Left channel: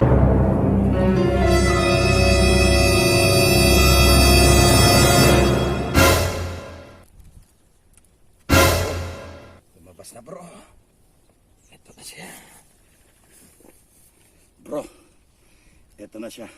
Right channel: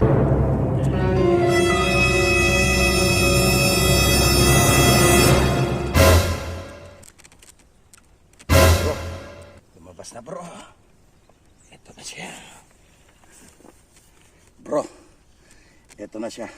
Bro, lumabas na bro. Ito na siya. Bro, ito na siya.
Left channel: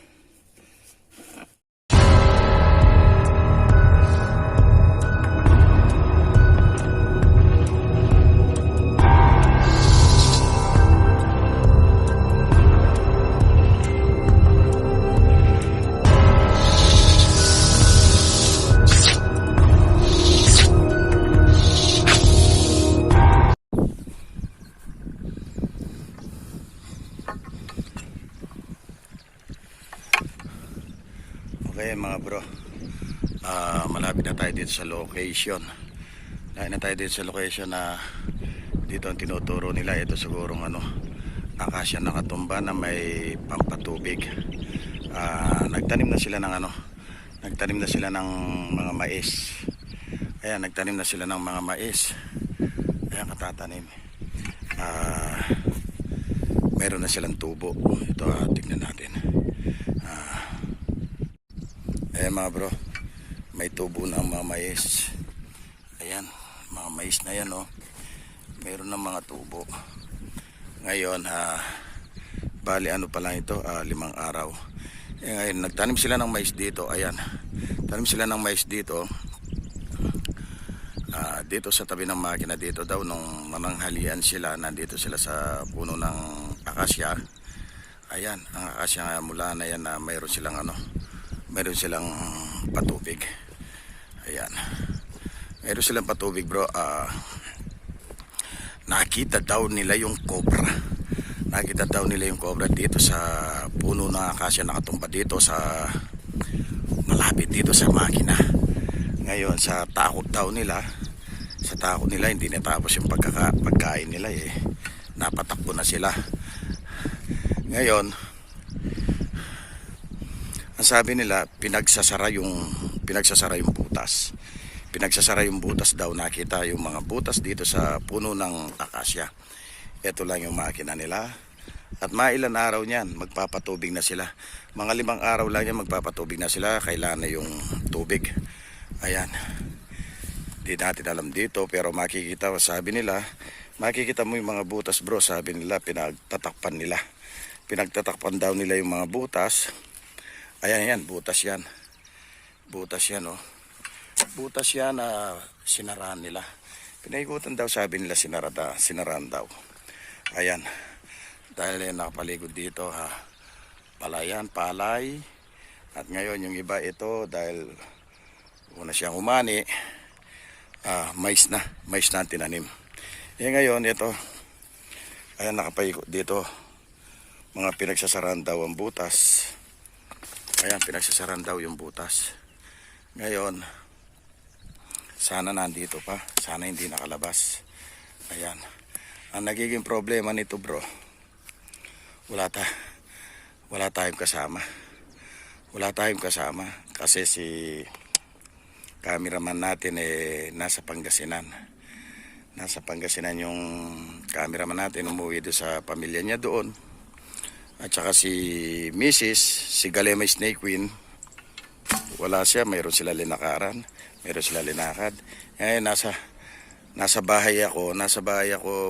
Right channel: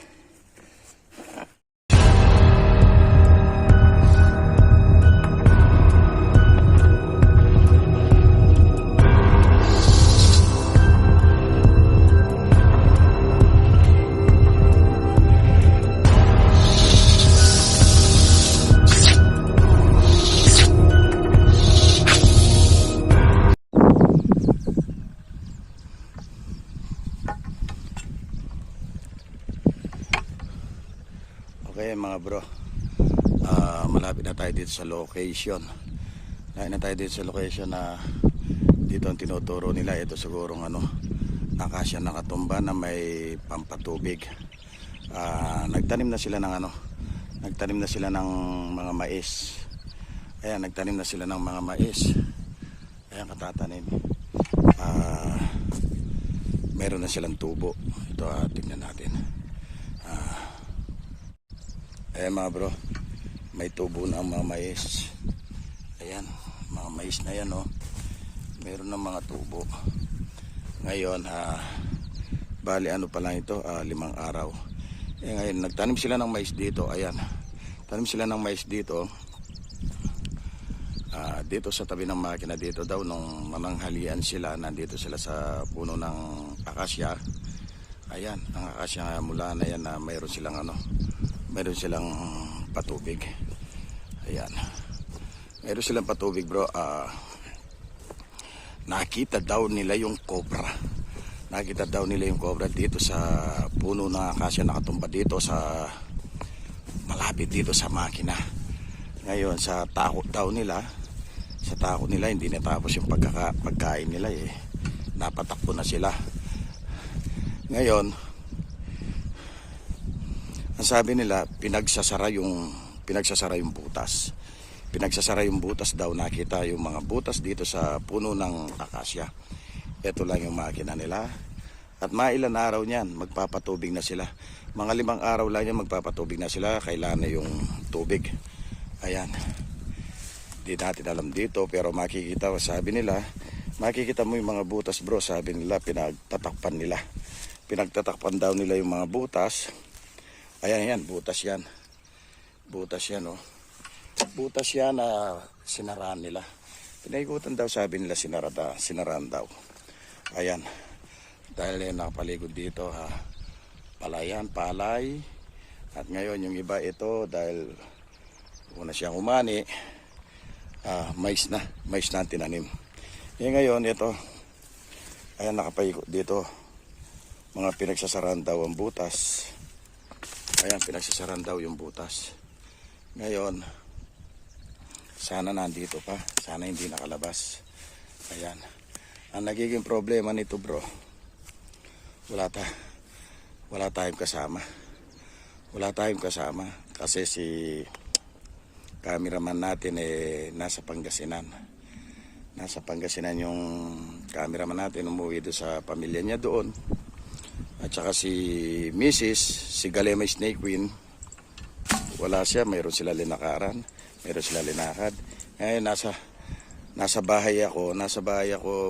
Okay mga bro, malapit na tayo dito sa location. Dahil na tayo dito sa location na dito ang tinuturo nila. Ito sigurong akasya na katumba na may pampatubig. Nagtanim na sila ng nagtanim na sila ng mga mais. Ayan, nagtanim na sila ng mga mais. Ayan, katatanim. Meron na silang tubo. Ito, tignan natin. Ayan mga bro, may tubo na ang mga mais. Ayan, mga mais na yan meron ng mga tubo. Ngayon bali pa lang ito, 5 araw. Ngayon nagtanim sila ng mais dito. Ayan, tanim sila ng mais dito. Dito sa tabi ng makina dito daw, nung mananghalian sila, nandito sila sa puno ng akasya. Ayan, ang akasya mula na yan na mayroon silang patubig. Ayan, mayroon silang patubig bro. Nakita daw nila yung cobra. Nakita daw nila yung cobra dito sa puno ng akasya, nakatumba dito sa malapit dito sa makina. Ngayon sa takot nila hindi natapos yung pagkain nila napatakbo na sila. Ngayon ang sabi nila, pinagsasara yung butas. Pinagsasara yung butas daw. Nakita yung mga butas dito sa puno ng akasya. Ito lang yung makina nila. At mailan araw niyan, magpapatubig na sila. Mga 5 araw lang yan, magpapatubig na sila. Kailan na yung tubig. Ayan. Di natin alam dito, pero makikita, sabi nila, makikita mo yung mga butas bro. Sabi nila, pinagtatakpan nila. Pinagtatakpan daw nila yung mga butas. Ayan, butas yan. Butas yan, Butas yan na sinaraan nila. Pinaikutan daw, sabi nila, sinaraan daw. Ayan. Dahil nakapaligod dito, palayan, palay. At ngayon, yung iba ito, dahil una siyang umani, mais na ang tinanim. Ngayon, ito, ayan, nakapaligod dito. Mga pinagsasaraan daw ang butas. Ayan, pinagsasaran daw yung butas. Ngayon, sana nandito pa. Sana hindi nakalabas. Ayan. Ang nagiging problema nito bro, wala tayong kasama. Wala tayong kasama. Kasi si cameraman natin nasa Pangasinan. Nasa Pangasinan yung cameraman natin. Umuwi doon sa pamilya niya doon. At saka si Mrs., si Galema Snake Queen, wala siya, mayroon sila linakaran, mayroon sila linakad. Ngayon nasa bahay ako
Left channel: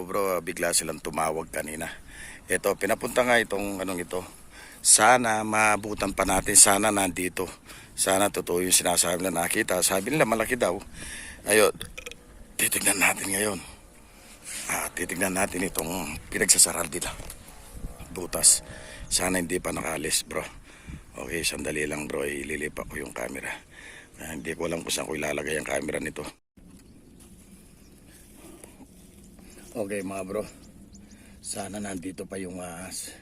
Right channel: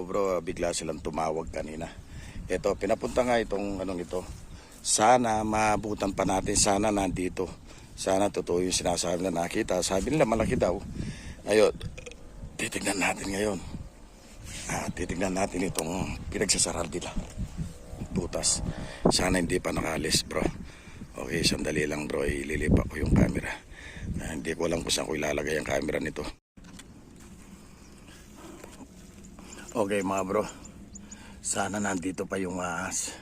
bro, bigla silang tumawag kanina. Ito, pinapunta nga itong ito. Sana maabutan pa natin, sana nandito. Sana totoo yung sinasabi na nakita. Sabi nila malaki daw. Ayun, titignan natin ngayon. Titignan natin itong pinagsasaral nila. Butas. Sana hindi pa nakalis bro. Okay, sandali lang bro, ililipat ko yung camera. Hindi ko alam kung saan ko ilalagay ang camera nito. Okay mga bro, sana nandito pa yung ahas.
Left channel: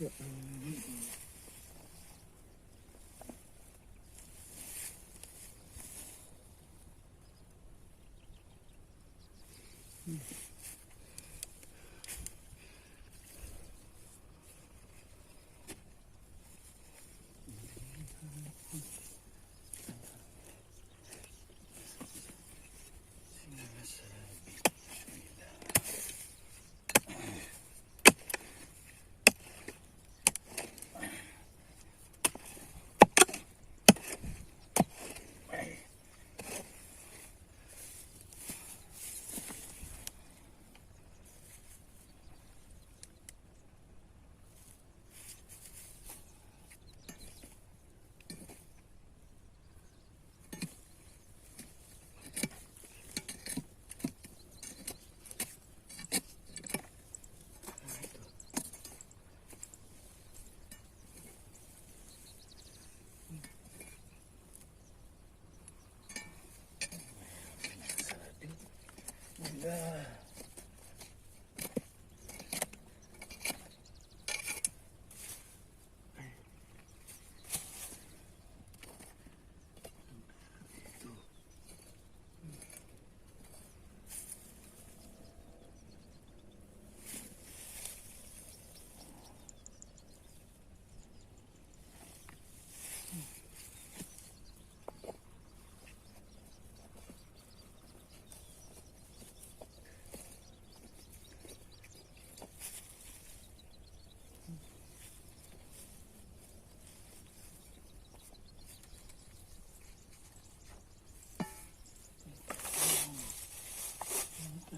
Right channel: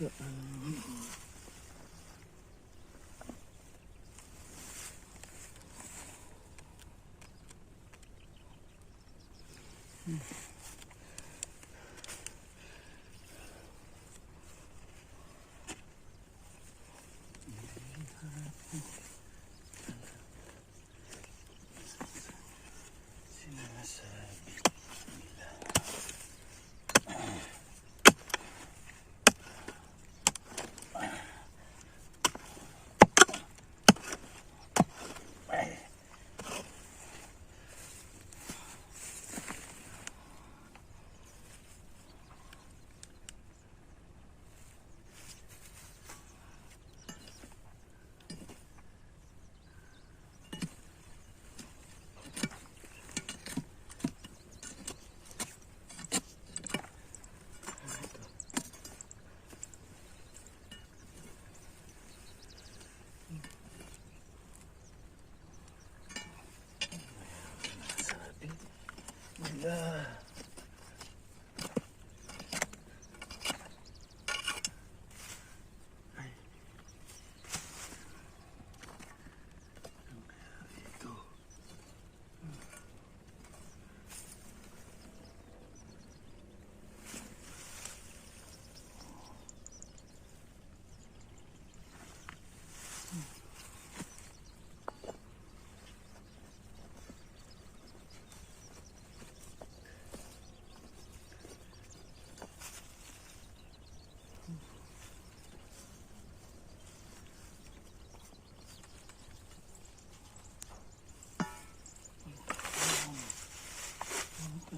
Wala.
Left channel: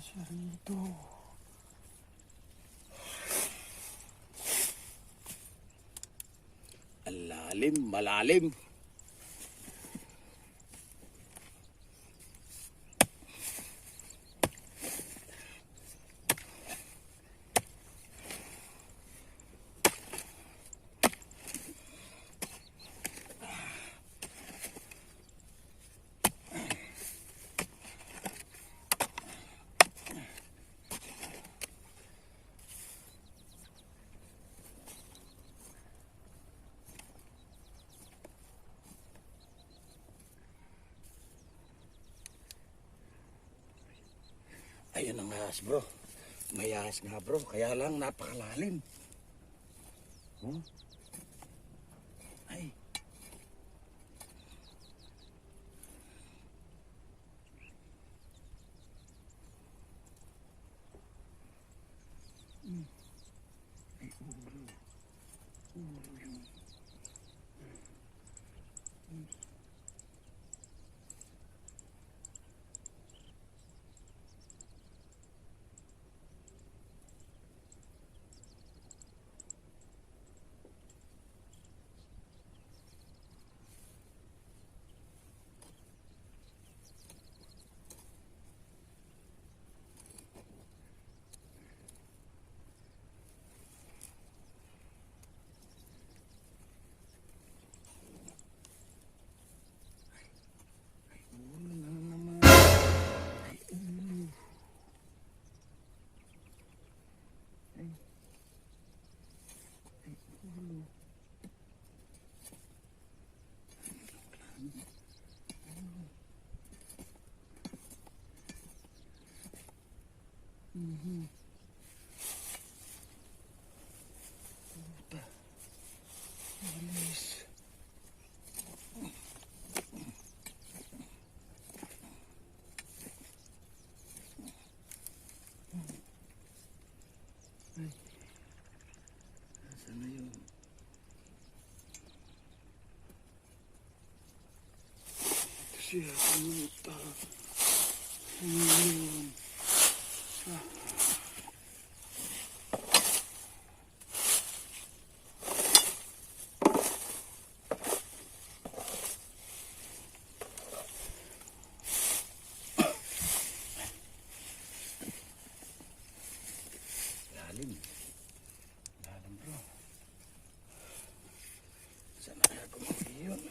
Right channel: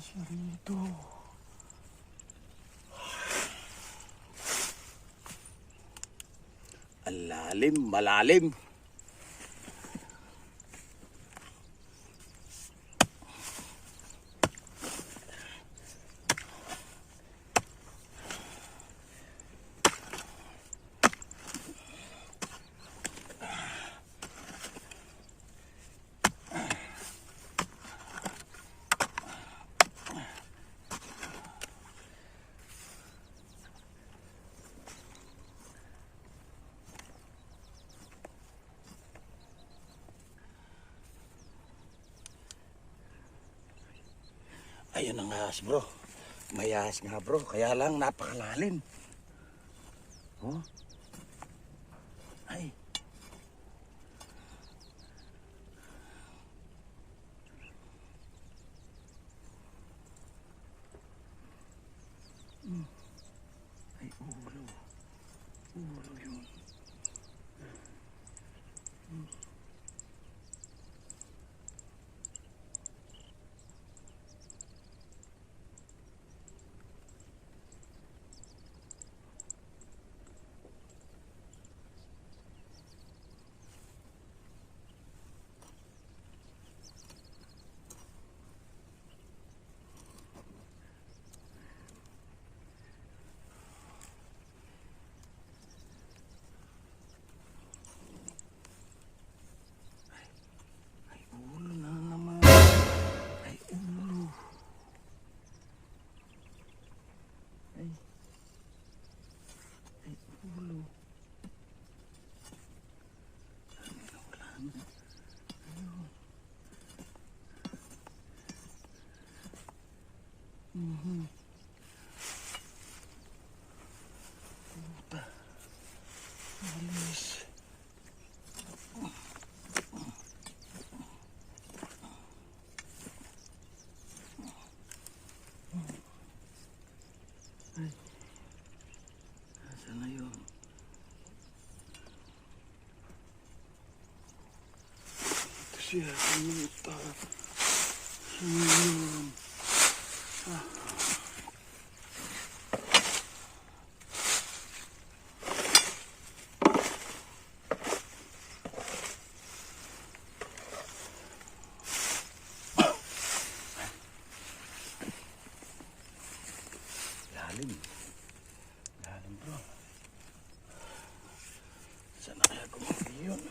Siya rito. Ang lalim, malalim. Ayun ang ahas, bro. May ahas nga, bro. Kaya lang napakalalim. Oh. Ay. Ay, ulo. Ulo yun. Ulo na naman. Ay, ulo. Ay. Ay, ulo. Wala na. Ayun. Puta. Alis. Ay. Nasaan na yun? Ito siya. Puta. Yun. Lalim. Lalim, bro. Saan na kaya kumaki yun?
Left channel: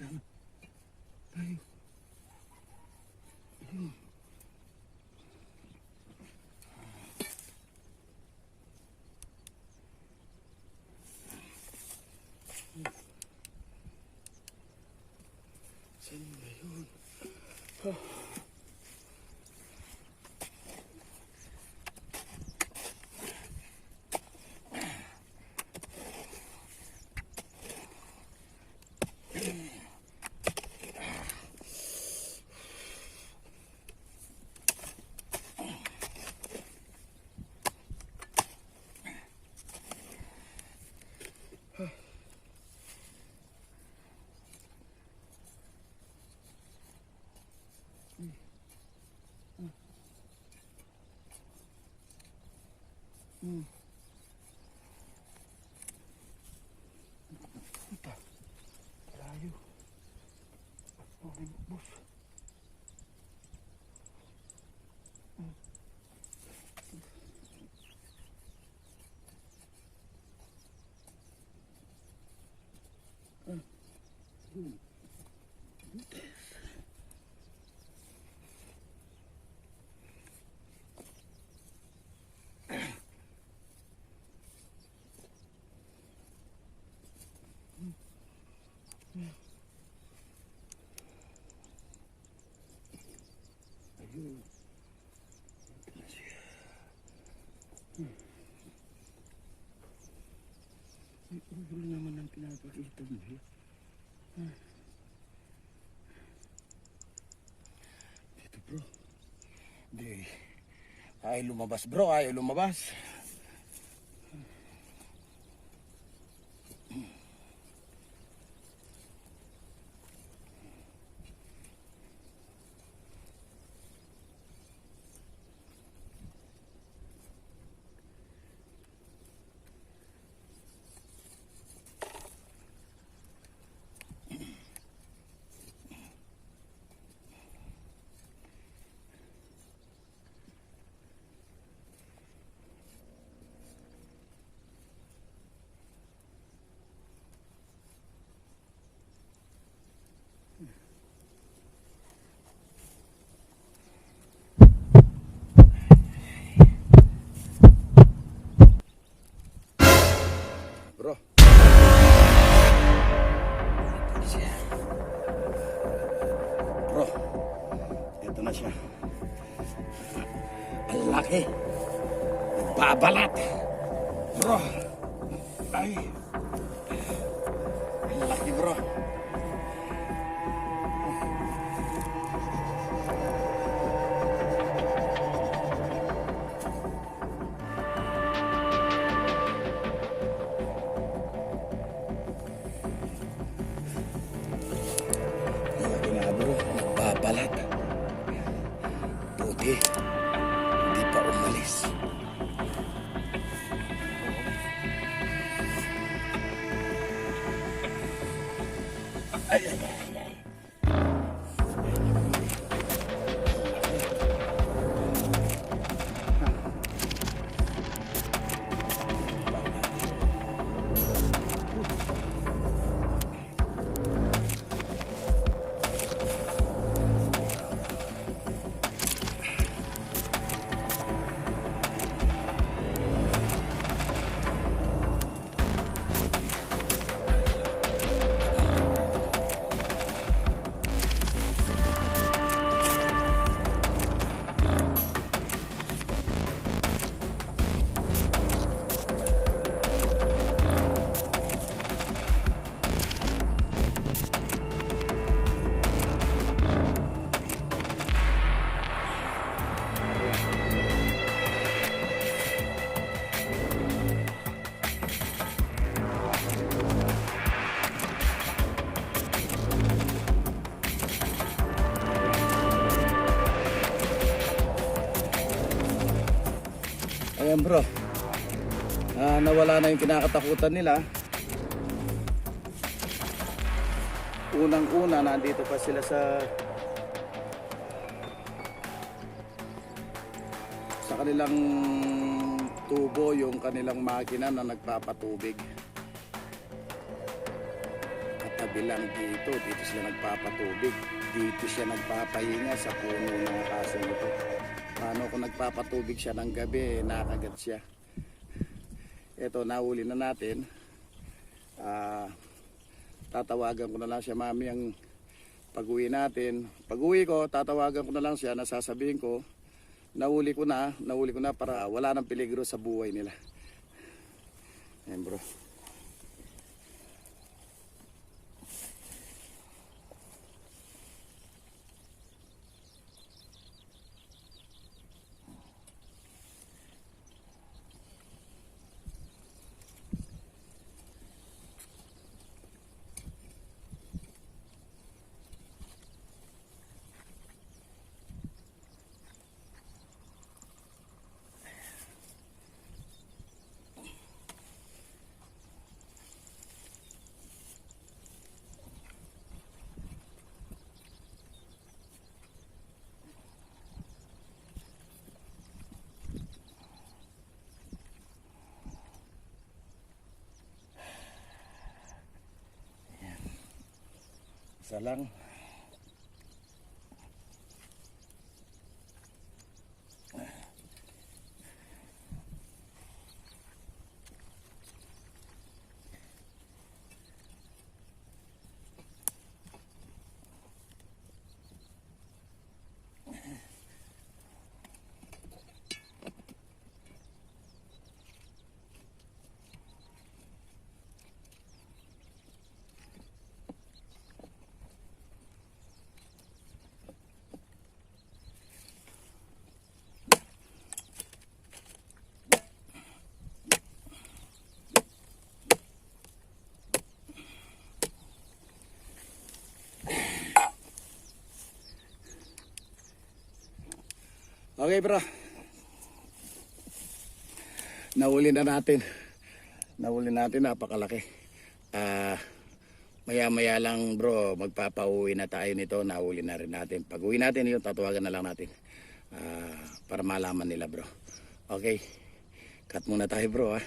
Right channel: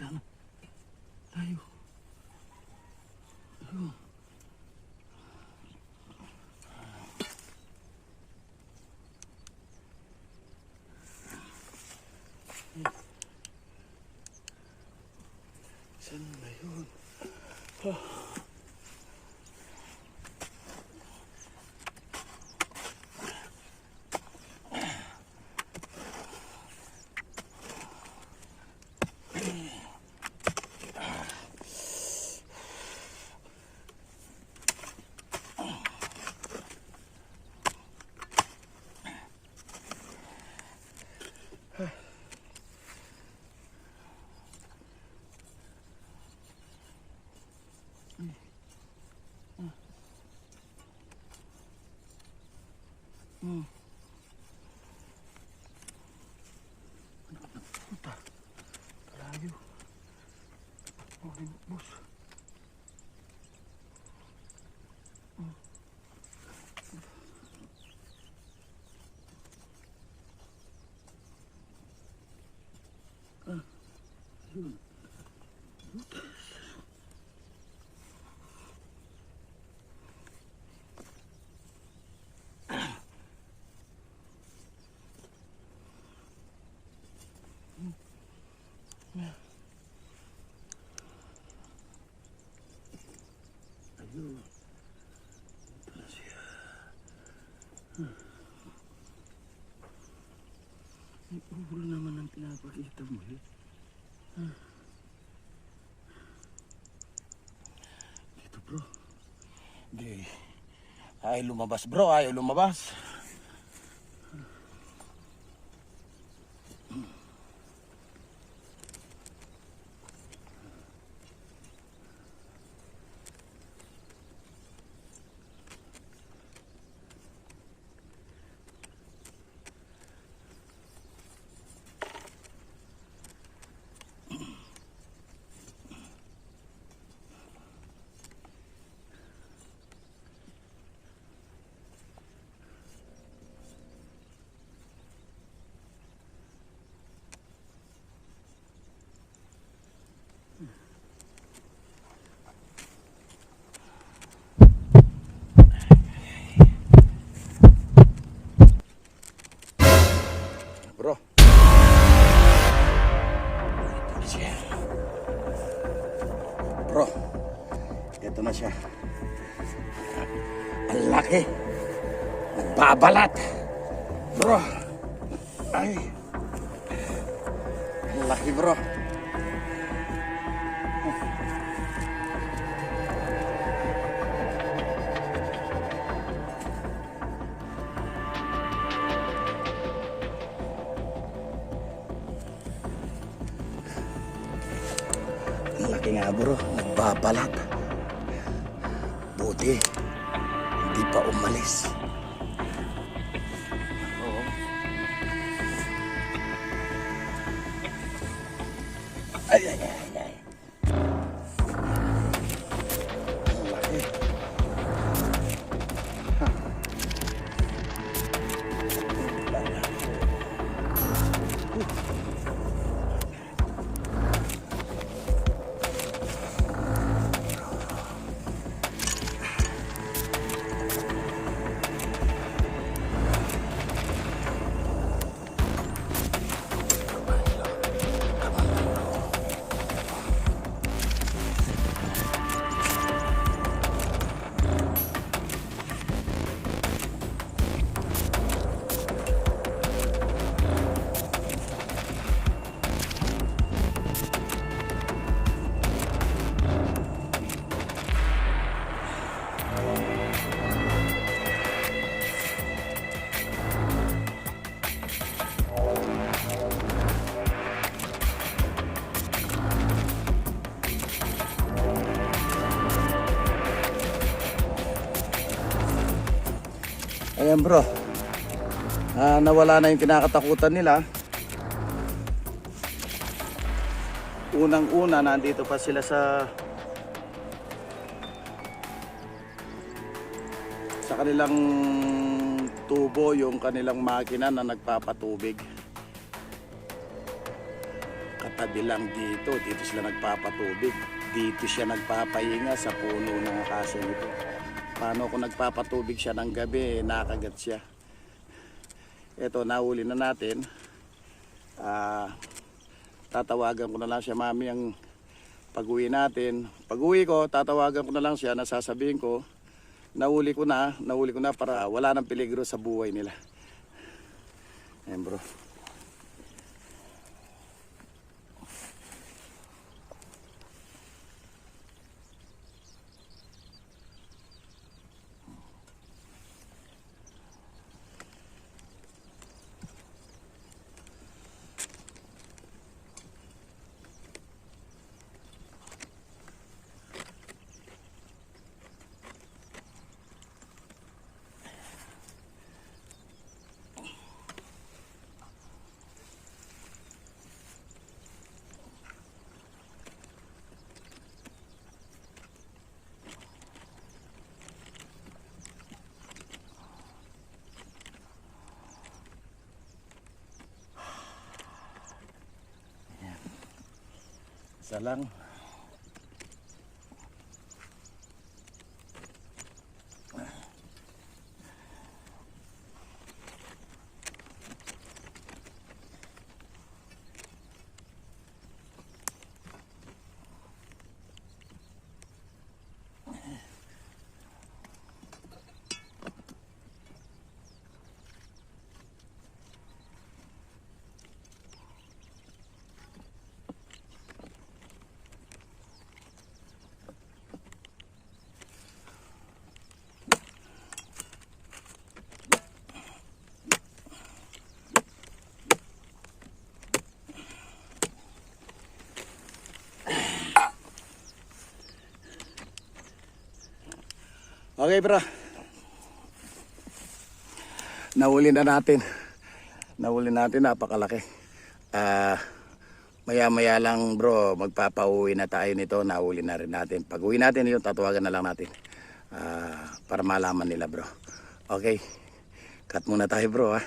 Tanong tayo. Ayun. Saan na yun? Puta. Malayo. Bus. Ayun. Ito na siya. May ulo naman ang pinapakita mo eh. Dito bro. Hindi. Ayaw lumabas bro, ayaw lumabas. Bro. Ito na siya. Bro. Ito na siya. Ang laki. Nagbabalat. Bro. Ay. Ang laki bro. Laki nga bro, nagbabalat. Buti, hindi pa umalis. Oo. Ay, ay, ay, ay. Ang laki. Ayan bro. Nawala na yung kinakatakutan nila. Unang-una, nandito pa sila sa kanilang tubo, yung kanilang makina na nagpapatubig. Katabi lang dito sila nagpapatubig. Dito siya nagpapahinga sa puno ng akasya nito. Paano kung nagpapatubig siya ng gabi, nakagat siya. Ito, nahuli na natin. Tatawagan ko na lang siya mami ang pag-uwi natin. Pag-uwi ko, tatawagan ko na lang siya, nasasabihin ko, nahuli ko na para wala nang peligro sa buhay nila. Ayan bro. Isa lang. Okay bro. Nahuli natin, napakalaki. Maya-maya lang bro, magpapauwi na tayo nito. Nahuli na rin natin. Pag uwi natin yun, tatawagan na lang natin. Para malaman nila bro. Okay, cut muna tayo bro ha.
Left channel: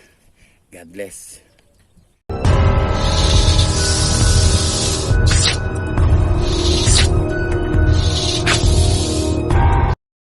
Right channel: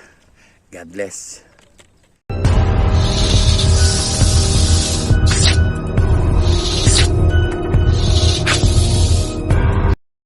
God bless.